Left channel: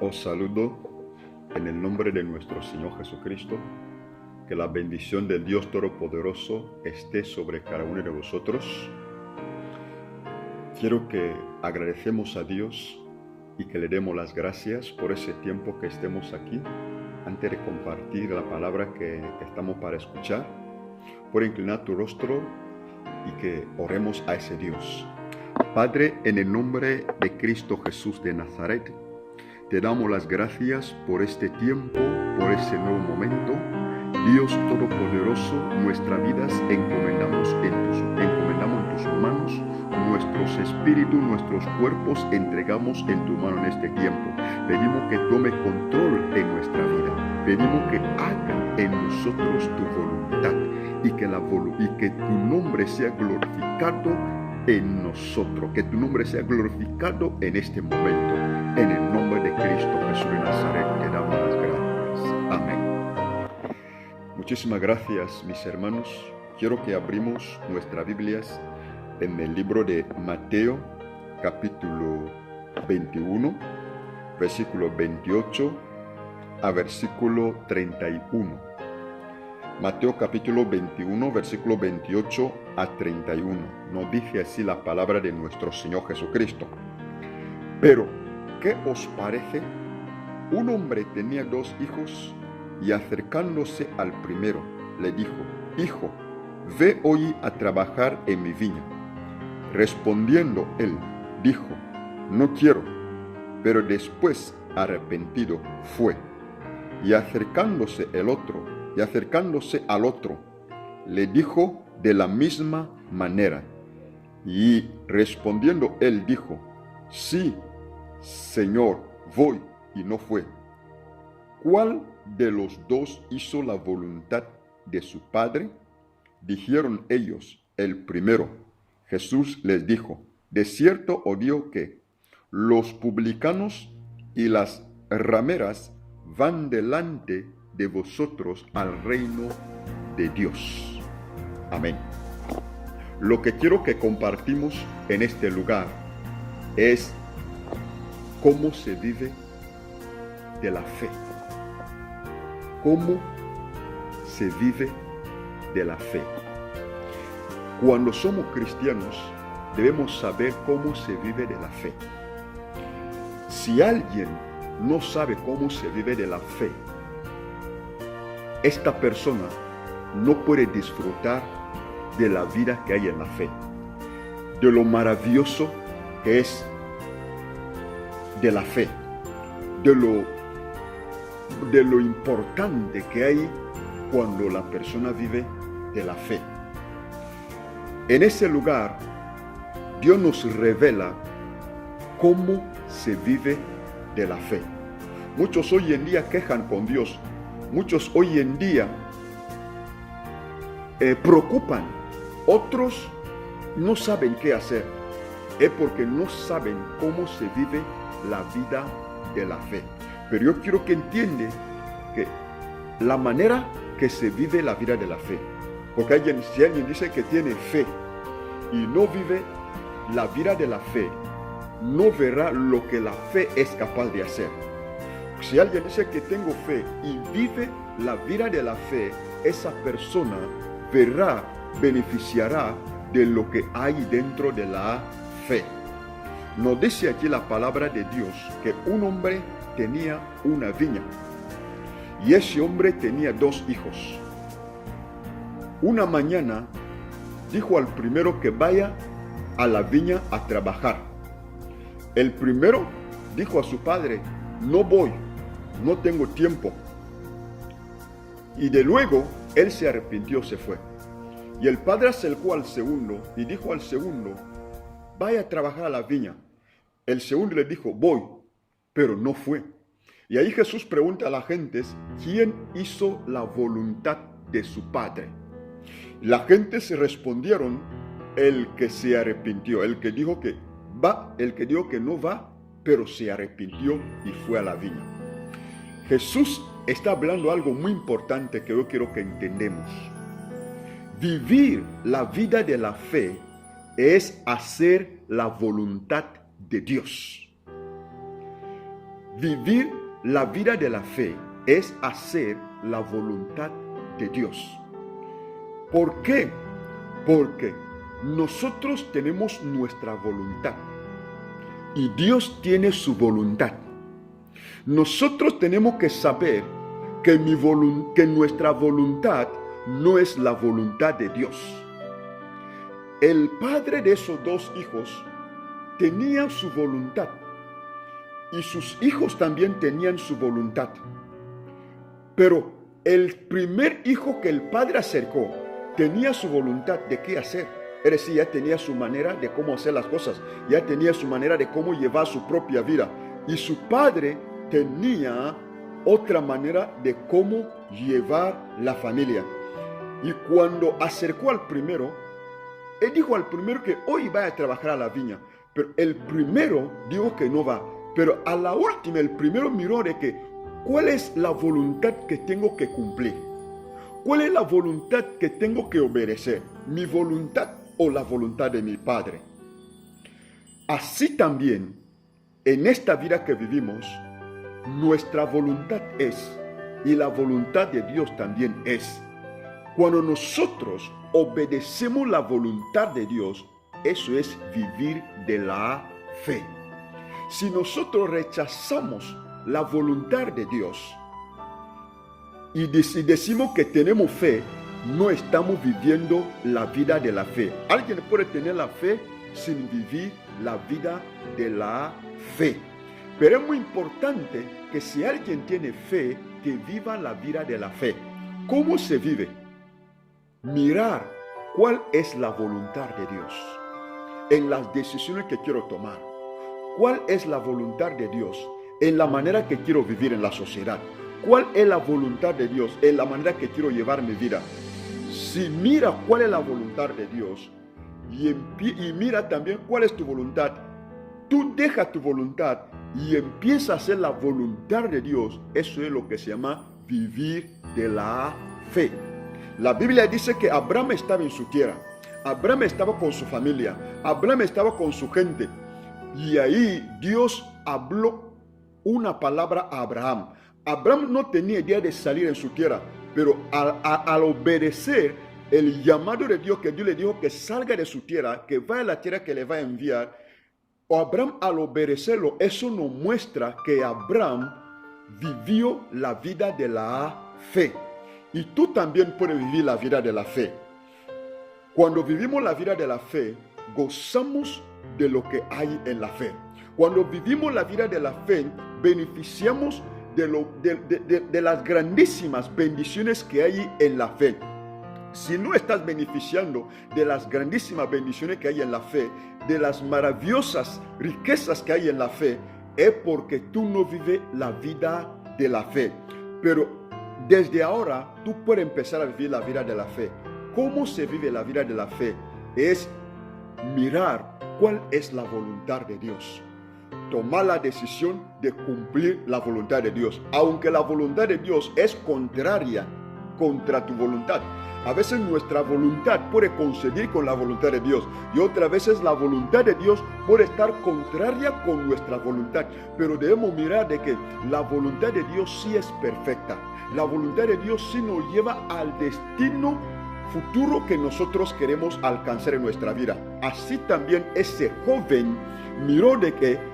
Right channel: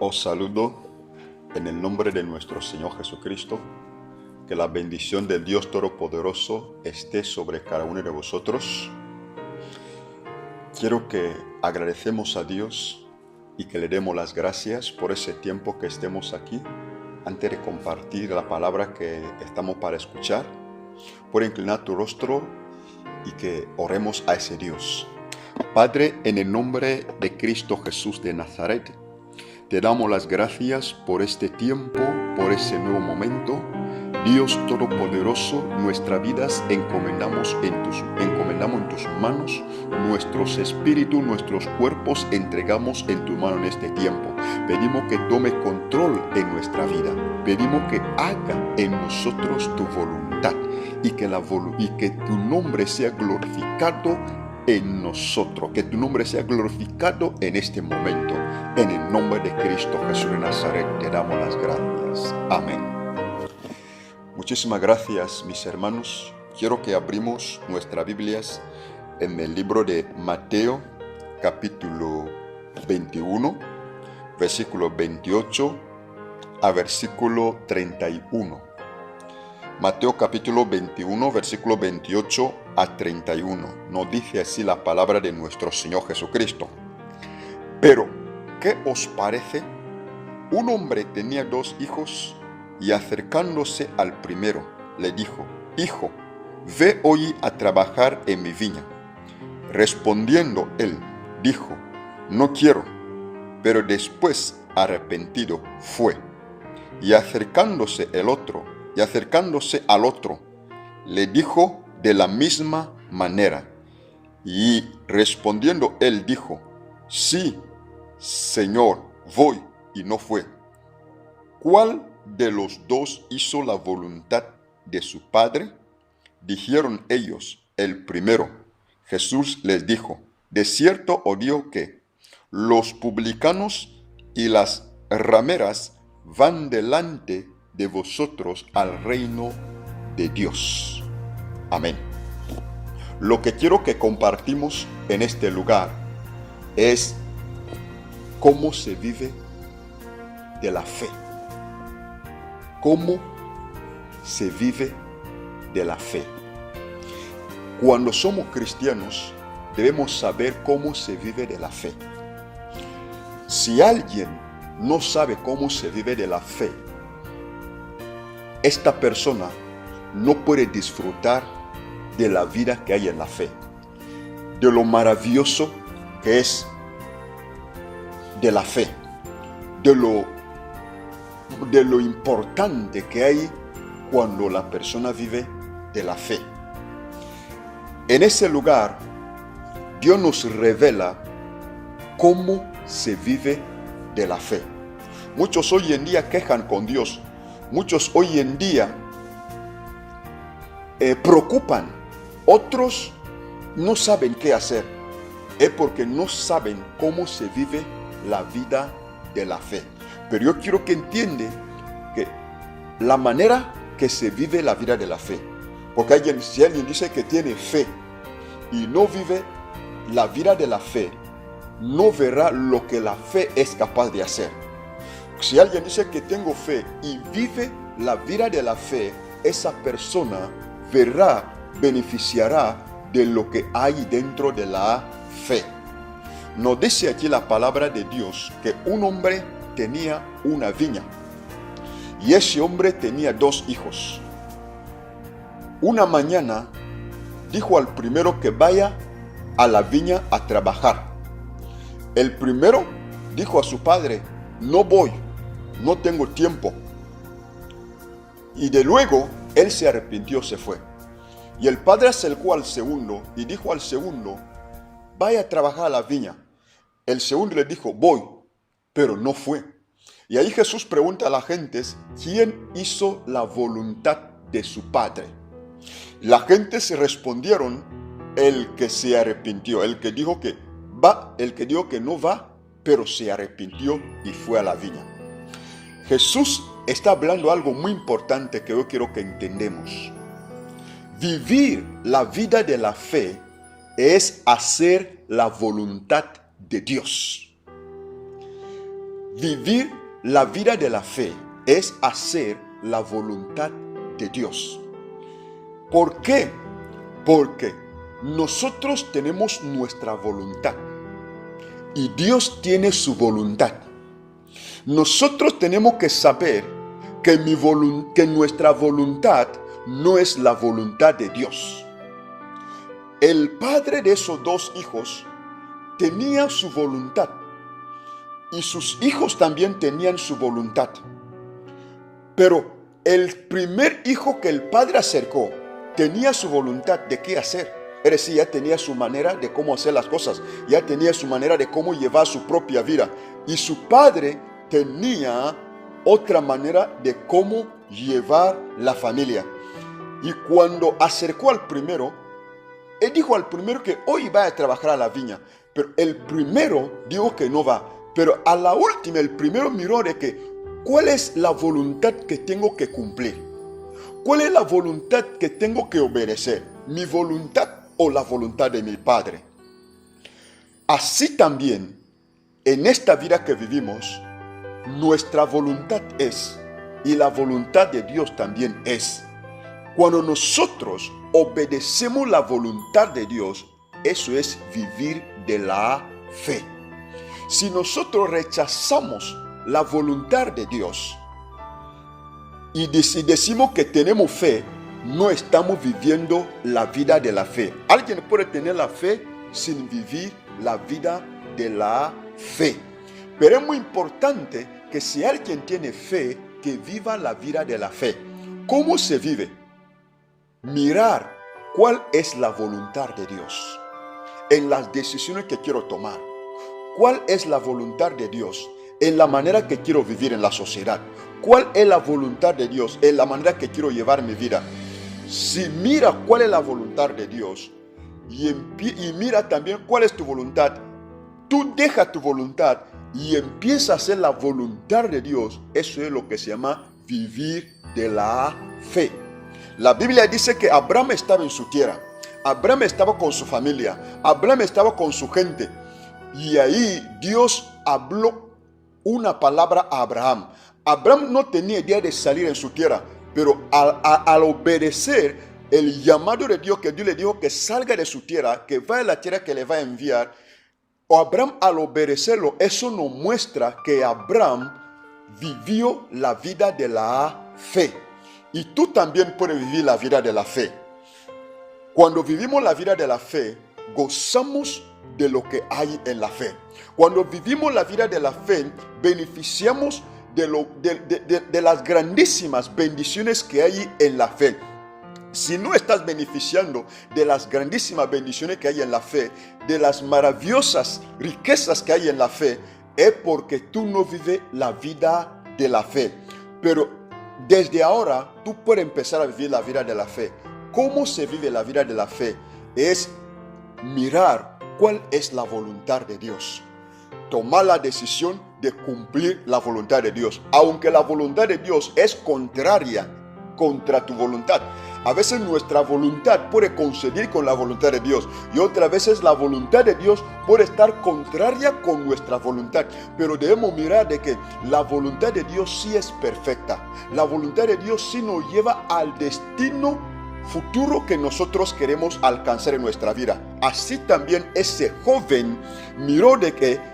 Os saludo en el nombre de nuestro Señor Jesucristo. Que la bendición del Dios Todopoderoso esté sobre cada uno de vosotros. Quiero que agradecemos a Dios y que le demos las gracias por ese tiempo que estemos aquí. Antes de compartir la palabra que estamos para escuchar, por inclinar tu rostro y que oremos a ese Dios. Padre, en el nombre de Cristo Jesús de Nazaret, te damos las gracias por este tiempo, por ese nuevo momento. Dios Todopoderoso, nuestras vidas encomendamos en tus manos, nuestros espíritus, nuestros cuerpos entregamos en tu mano en este tiempo. Pedimos que tome control en nuestra vida, pedimos que haga en nosotros tu voluntad y que tu nombre sea glorificado en nosotros, que tu nombre sea glorificado en este momento. En el nombre de Cristo Jesús de Nazaret te damos las gracias. Amén. Muchísimas gracias, mis hermanos. Quiero que abrimos nuestras Biblias en el libro de Mateo, capítulo 21, versículo 28 a versículo 31. Mateo capítulo 21, versículo 28 a 31. Nos dice así la palabra de nuestro Señor Jesucristo. Pero, ¿qué os parece? Un hombre tenía 2 hijos y acercándose al primero, le dijo: Hijo, ve hoy a trabajar en mi viña. Respondiendo él, dijo: No quiero. Pero después, arrepentido, fue. Y acercándose al otro, le dijo de la misma manera. Y respondiendo él dijo: Sí, Señor, voy. Y no fue. ¿Cuál de los 2 hizo la voluntad de su padre? Dijeron ellos: el primero. Jesús les dijo: de cierto os digo que los publicanos y las rameras van delante de vosotros al reino de Dios. Amén. Lo que quiero que compartimos en este lugar es cómo se vive de la fe. ¿Cómo se vive de la fe? Cuando somos cristianos, debemos saber cómo se vive de la fe. Si alguien no sabe cómo se vive de la fe, esta persona no puede disfrutar de la vida que hay en la fe, de lo maravilloso que es de la fe, de lo importante que hay cuando la persona vive de la fe. En ese lugar, Dios nos revela cómo se vive de la fe. Muchos hoy en día quejan con Dios. Muchos hoy en día preocupan. Otros no saben qué hacer. Es porque no saben cómo se vive la vida de la fe. Pero yo quiero que entiendan que la manera que se vive la vida de la fe, porque si alguien dice que tiene fe y no vive la vida de la fe, no verá lo que la fe es capaz de hacer. Si alguien dice que tengo fe y vive la vida de la fe, esa persona beneficiará de lo que hay dentro de la fe. Nos dice aquí la palabra de Dios que un hombre tenía una viña y ese hombre tenía 2 hijos. Una mañana dijo al primero que vaya a la viña a trabajar. El primero dijo a su padre: no voy, no tengo tiempo. Y de luego él se arrepintió, se fue. Y el padre acercó al segundo y dijo al segundo: vaya a trabajar a la viña. El segundo le dijo: voy, pero no fue. Y ahí Jesús pregunta a la gente: ¿quién hizo la voluntad de su padre? La gente se respondieron: el que se arrepintió, el que dijo que va, el que dijo que no va, pero se arrepintió y fue a la viña. Jesús está hablando algo muy importante que yo quiero que entendamos. Vivir la vida de la fe es hacer la voluntad de Dios. Vivir la vida de la fe es hacer la voluntad de Dios. ¿Por qué? Porque nosotros tenemos nuestra voluntad y Dios tiene su voluntad. Nosotros tenemos que saber que nuestra voluntad no es la voluntad de Dios. El padre de esos dos hijos tenía su voluntad y sus hijos también tenían su voluntad. Pero el primer hijo que el padre acercó tenía su voluntad de qué hacer. Es decir, ya tenía su manera de cómo hacer las cosas, ya tenía su manera de cómo llevar su propia vida. Y su padre tenía otra manera de cómo llevar la familia. Y cuando acercó al primero, él dijo al primero que hoy va a trabajar a la viña, pero el primero dijo que no va. Pero a la última, el primero miró de que, ¿cuál es la voluntad que tengo que cumplir? ¿Cuál es la voluntad que tengo que obedecer? ¿Mi voluntad o la voluntad de mi Padre? Así también, en esta vida que vivimos, nuestra voluntad es, y la voluntad de Dios también es. Cuando nosotros obedecemos la voluntad de Dios, eso es vivir de la fe. Si nosotros rechazamos la voluntad de Dios y decimos que tenemos fe, no estamos viviendo la vida de la fe. Alguien puede tener la fe sin vivir la vida de la fe. Pero es muy importante que si alguien tiene fe, que viva la vida de la fe. ¿Cómo se vive? Mirar cuál es la voluntad de Dios en las decisiones que quiero tomar. ¿Cuál es la voluntad de Dios en la manera que quiero vivir en la sociedad? ¿Cuál es la voluntad de Dios en la manera que quiero llevar mi vida? Si mira cuál es la voluntad de Dios y mira también cuál es tu voluntad, tú deja tu voluntad y empieza a hacer la voluntad de Dios. Eso es lo que se llama vivir de la fe. La Biblia dice que Abraham estaba en su tierra, Abraham estaba con su familia, Abraham estaba con su gente. Y ahí Dios habló una palabra a Abraham. Abraham no tenía idea de salir en su tierra, pero al obedecer el llamado de Dios, que Dios le dijo que salga de su tierra, que vaya a la tierra que le va a enviar, Abraham al obedecerlo, eso nos muestra que Abraham vivió la vida de la fe. Y tú también puedes vivir la vida de la fe. Cuando vivimos la vida de la fe, gozamos de lo que hay en la fe. Cuando vivimos la vida de la fe, beneficiamos de las grandísimas bendiciones que hay en la fe. Si no estás beneficiando de las grandísimas bendiciones que hay en la fe, de las maravillosas riquezas que hay en la fe, es porque tú no vives la vida de la fe. Pero desde ahora tú puedes empezar a vivir la vida de la fe. ¿Cómo se vive la vida de la fe? Es mirar cuál es la voluntad de Dios. Tomar la decisión de cumplir la voluntad de Dios, aunque la voluntad de Dios es contraria contra tu voluntad. A veces nuestra voluntad puede coincidir con la voluntad de Dios y otras veces la voluntad de Dios puede estar contraria con nuestra voluntad. Pero debemos mirar de que la voluntad de Dios sí es perfecta. La voluntad de Dios sí nos lleva al destino futuro que nosotros queremos alcanzar en nuestra vida. Así también ese joven miró de que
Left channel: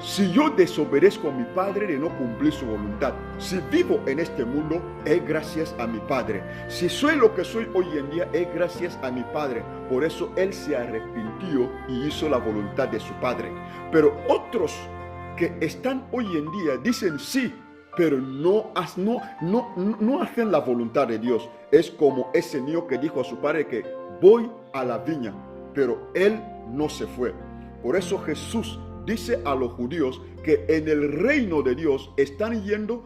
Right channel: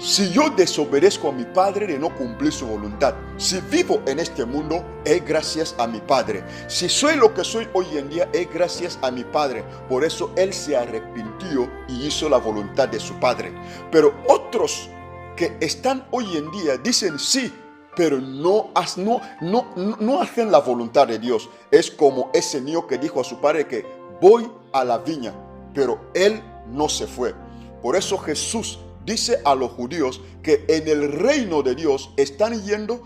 si yo desobedezco a mi padre de no cumplir su voluntad, si vivo en este mundo, es gracias a mi padre. Si soy lo que soy hoy en día, es gracias a mi padre. Por eso él se arrepintió y hizo la voluntad de su padre. Pero otros que están hoy en día dicen sí, pero no hacen la voluntad de Dios. Es como ese niño que dijo a su padre que voy a la viña, pero él no se fue. Por eso Jesús dice a los judíos que en el reino de Dios están yendo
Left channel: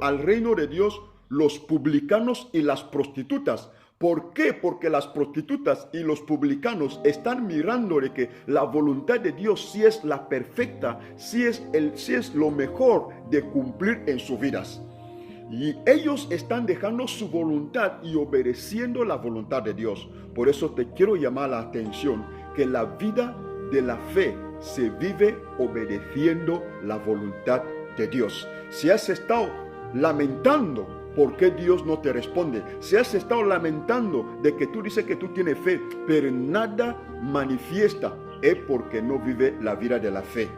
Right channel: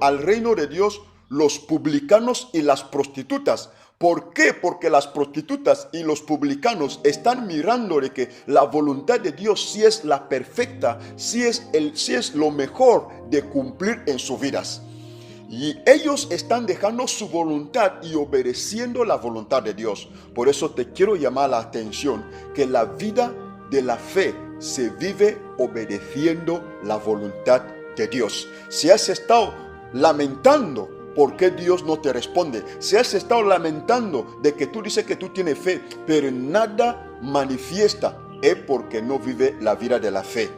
al reino de Dios los publicanos y las prostitutas. ¿Por qué? Porque las prostitutas y los publicanos están mirando de que la voluntad de Dios sí es la perfecta, sí es lo mejor de cumplir en sus vidas. Y ellos están dejando su voluntad y obedeciendo la voluntad de Dios. Por eso te quiero llamar la atención que la vida de la fe se vive obedeciendo la voluntad de Dios. Si has estado lamentando por qué Dios no te responde, si has estado lamentando de que tú dices que tú tienes fe, pero nada manifiesta, es porque no vive la vida de la fe.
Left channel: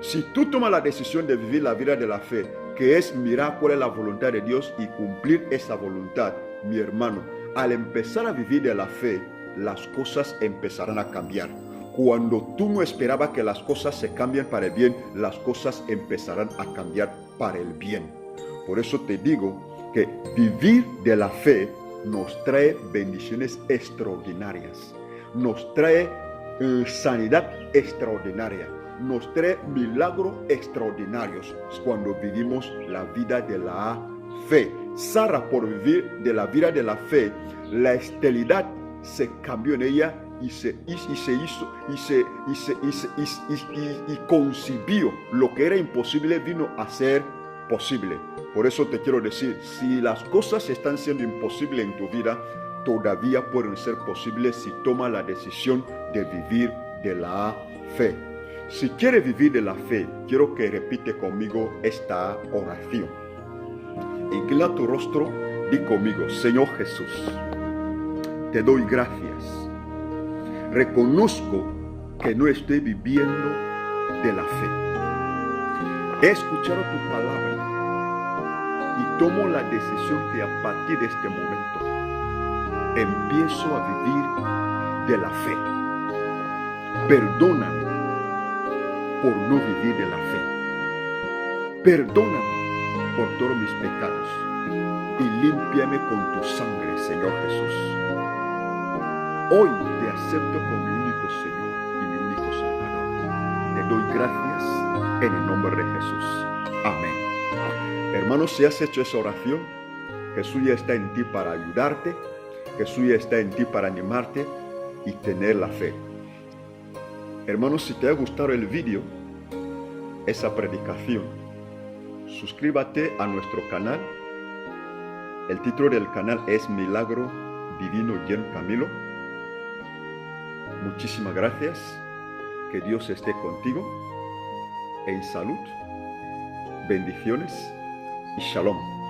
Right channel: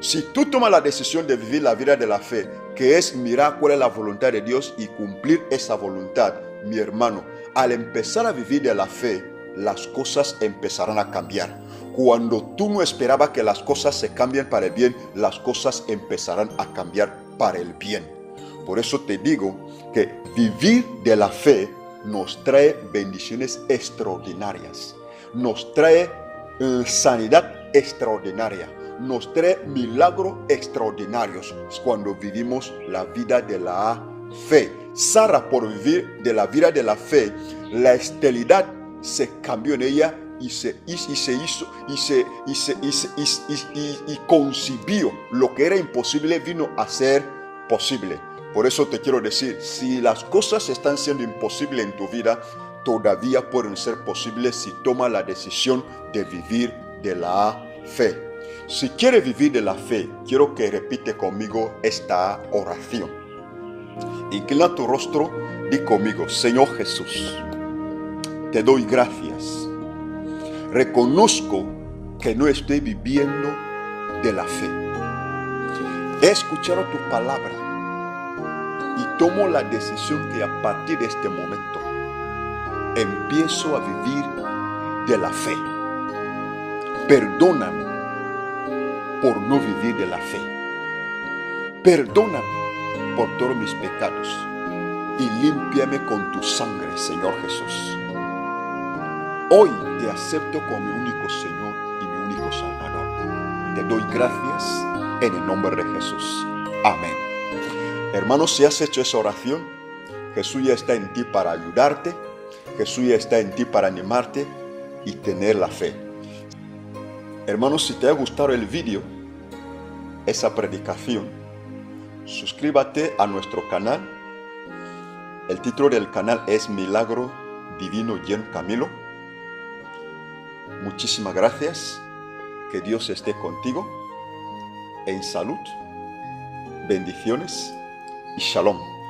Si tú tomas la decisión de vivir la vida de la fe, que es mirar cuál es la voluntad de Dios y cumplir esa voluntad, mi hermano, al empezar a vivir de la fe, las cosas empezarán a cambiar. Cuando tú no esperabas que las cosas se cambien para el bien, las cosas empezarán a cambiar para el bien. Por eso te digo que vivir de la fe nos trae bendiciones extraordinarias, nos trae sanidad extraordinaria, nos trae milagros extraordinarios cuando vivimos la vida de la fe. Sara, por vivir de la vida de la fe, la esterilidad se cambió en ella y concibió lo que era imposible, vino a ser posible. Por eso te quiero decir, si las cosas están siendo imposibles en tu vida, todavía pueden ser posibles si tomas la decisión de vivir de la fe. Si quieres vivir de la fe, quiero que repite conmigo esta oración. Inclina tu rostro, di conmigo: Señor Jesús, te doy gracias. Reconozco que no estoy viviendo de la fe. He escuchado tu palabra y tomo la decisión que a partir de este momento empiezo a vivir de la fe. Perdóname por no vivir de la fe. Perdóname por todos mis pecados y límpiame con tu sangre, Señor Jesús. Hoy te acepto como mi único Señor y mi único Salvador. Te doy gracias en el nombre de Jesús. Amén. Hermanos, si has hecho esa oración, Jesús ya está en ti para ayudarte. Jesús ya está en ti para animarte y tener la fe. Hermanos, si te ha gustado el video, esa predicación, suscríbete a nuestro canal. El título del canal es Milagro Divino Jen Camilo. Muchísimas gracias. Que Dios esté contigo. En salud, bendiciones y shalom.